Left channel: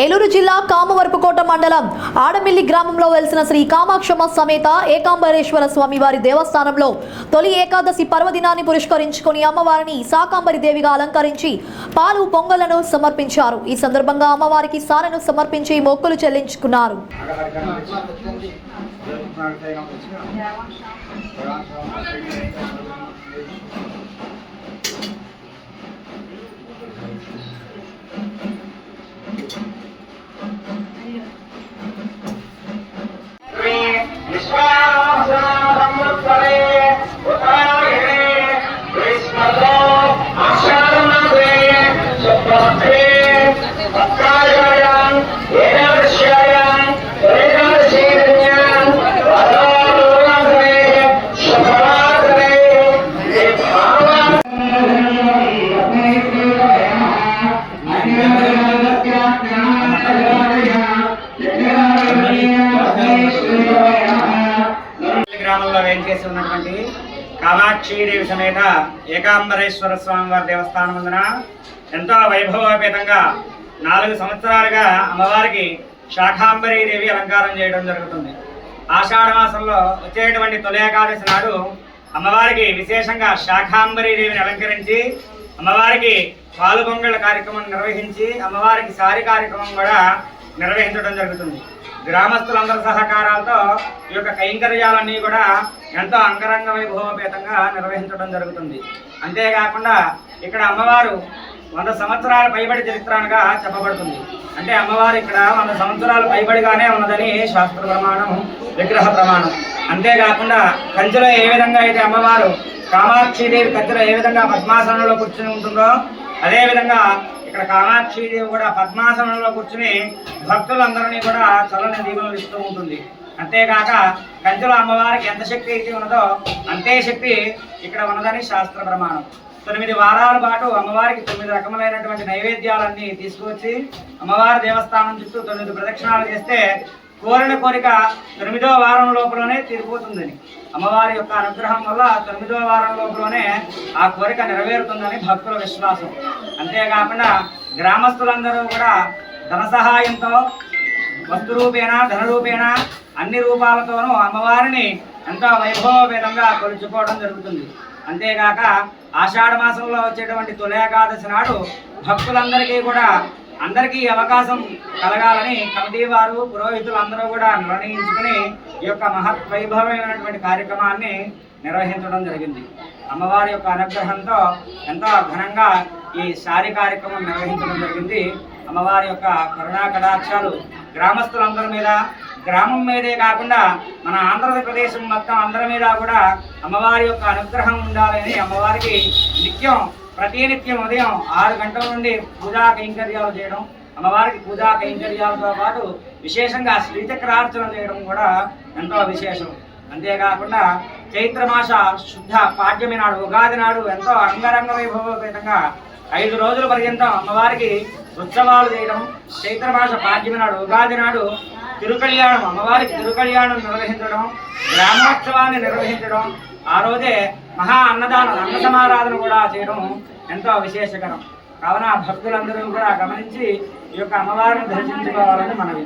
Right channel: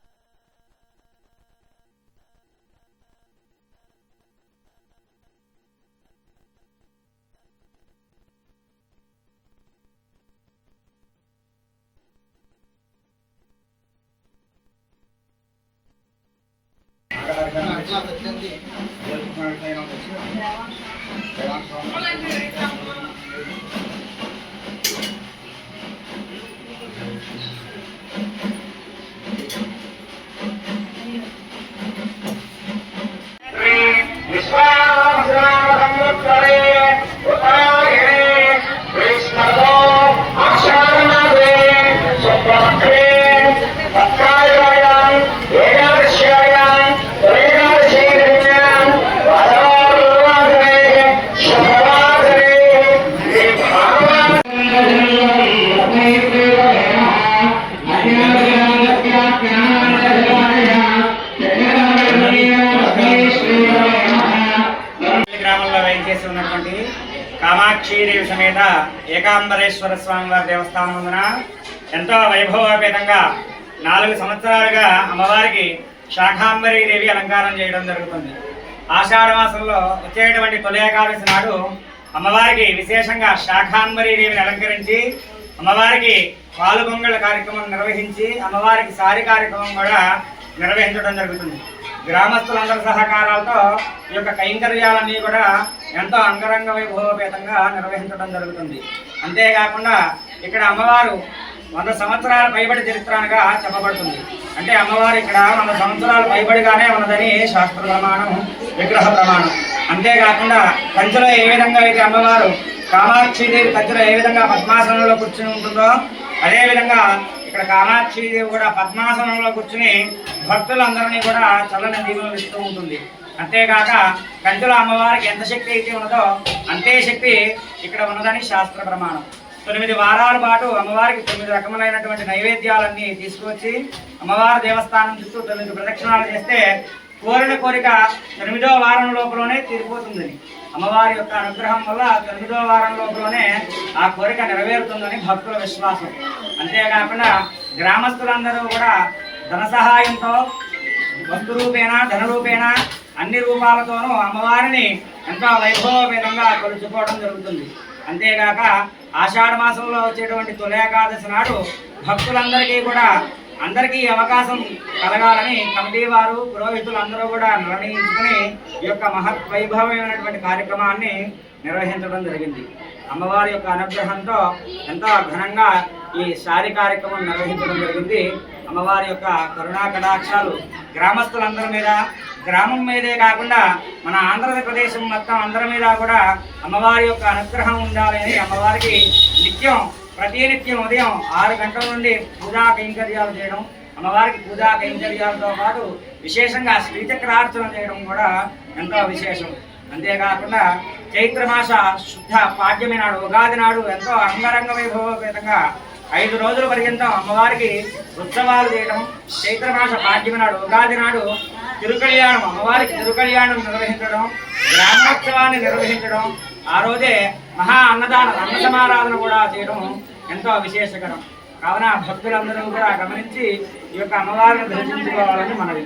ఏలూరు జిల్లా కామవరపుకోట మండలం ఆడమిల్లి గ్రామంలో వెలిసిన శ్రీ కామాక్షమ్మ సమేత ఏకాంబరేశ్వర స్వామి వారి దేవస్థానంలో తొలి ఏకాదశి పర్వదినాన్ని పురస్కరించుకొని అమ్మవారిని శాకాంబరి దేవిగా అలంకరించి పాలు పొంగలను సమర్పించారు. ఈ సందర్భంగా అమ్మవారికి సారెను సమర్పించి మొక్కులు చెల్లించుకున్నారు. గ్రామంలో వేయించేసి ఉన్నటువంటి కామాక్షీదేవి సమేత ఏకాంబరేశ్వర స్వామి వారి దేవస్థానం ముందున ఎంతో వైభవోపేతంగా 4 సంవత్సరాలుగా అమ్మవారికి శాకాంబరీదేవి అలంకారం చేయడం జరుగుతుంది. ఆషాఢ మాసంలో వచ్చేటువంటి తొలి ఏకాదశి నాడు అమ్మవారికి విశేషంగా శాకాంబరీదేవిని అలంకరించి అమ్మవారికి పాలు పొంగళ్ళ కార్యక్రమం నిర్వహించి అమ్మవారికి సారి కార్యక్రమం కూడా నిర్వహించడం జరుగుతుంది. గ్రామస్తులందరి సహకారాలతో ఈ యొక్క కైంకర్యాలన్నీ కూడా ఎంతో అంగరంగ వైభవపేతంగా నిర్వహించడం జరుగుతుంది. అంతేకాకుండా ఇక్కడ అమ్మవారు 100 సంవత్సరాల పైబడి చరిత్రగా చెప్పబడుతుంది. అంటే అమ్మవారు ఇక్కడ 100 సంవత్సరాల పైబడిగానే ఉన్నదని శాస్త్ర ప్రమాణం, విగ్రహ ప్రమాణం. అంతేకాకుండా కంచెలో ఏ విధంగా అయితే అమ్మవారు కామాక్షీదేవి కంచెలో ఏ విధంగా పద్మాసనంలో కూర్చుని ఉంటుందో అదేవిధంగా ఇక్కడ కామాక్షీదేవి కూడా పద్మాసనంలో కూర్చుని భక్తులందరినీ కూడా చల్లని దీవెనలు ఇస్తూ ఉంటుంది. అంతేకాక కంచెలో అమ్మవారికి ఎంత శక్తి అయితే ఉన్నదో అంతే శక్తి ఇక్కడ ఉన్నదని శాస్త్ర ప్రమాణం. 9 వారాల పాటు అమ్మవారికి 9 రకములైనటువంటి నైవేద్యాలన్నీ తీసుకువచ్చి అమ్మవారి దేవస్థానం చుట్టూ 9 ప్రదక్షిణాలు చేస్తే కోరిన కోరిక 9వ వారం లోపలనే తీరిపోతుందని, అమ్మవారి యొక్క అనుగ్రహం వల్ల 9వ వారం లోపలనే ఆ కోరిక నెరవేరుతుందని భక్తుల విశ్వాసం. అంతేకాకుండా గ్రామస్తులందరూ కూడా ధన సహాయంతో వస్తు రూపేణ, ధన రూపేణ అన్ని రూపాలతోనూ అమ్మవారిని ఎంతో వైభవపేతంగా కొలుచుకోవడం జరుగుతుంది. అంతేకాక ఆషాఢ మాసంలో వచ్చేటువంటి తొలి ఏకాదశి నాడు భక్తులందరికీ కూడా అందరికీ అవకాశం కలగాలని కమిటీ వారు, పురోహితులందరూ కూడా నిర్ణయించుకుని ఈ యొక్క మహత్ వైభవమైనటువంటి కార్యక్రమాన్ని నిర్వహించడం జరిగింది. అమ్మవారి యొక్క అనుగ్రహంతో ఎంతో ఘనంగా ఈ శారీ కార్యక్రమం నిర్వహించడం జరిగింది. అమ్మవారి యొక్క కరుణా కటాక్షాలు గ్రామస్తులందరి మీద, గ్రామం మీదే కాకుండా మన ఆంధ్రప్రదేశం మొత్తం అందరి మీద కూడా అమ్మవారి యొక్క అనుగ్రహం ఉండాలని అమ్మవారికి ప్రతినిత్యం ఉదయం 6 గంటల నుండి పూజా కైంకర్యాలు చేయడం, అమ్మవారికి పూజా కైంకర్యాలతో పాటు విశేషంగా శ్రీచక్రార్చన చేయడం కూడా ఎంతో విశేషం. అంతేకాకుండా చైత్రమాస శుద్ధ పాడ్యమి నాడు, ఉగాది నాడు ఎంతో అంగరంగ వైభవపేతంగా 5 రోజుల పర్యంతం అమ్మవారికి ఉత్సవాలు చేయడం, చైత్రమాస పాడ్యమి నాడు, ఉగాది నాడు తిరుకళ్యాణం, అమ్మవారికి తిరుకళ్యాణం నిర్వహించడం, గ్రామోత్సవాన్ని నిర్వహించడం, ఆ రోజే మహా అన్నదానం, అన్న సమారాధన కూడా చేయడం ఎంతో విశేషకరం. కావున భక్తులందరూ కూడా గమనించి ఈ యొక్క అమ్మవారిని దర్శించుకోవాలని మనవి.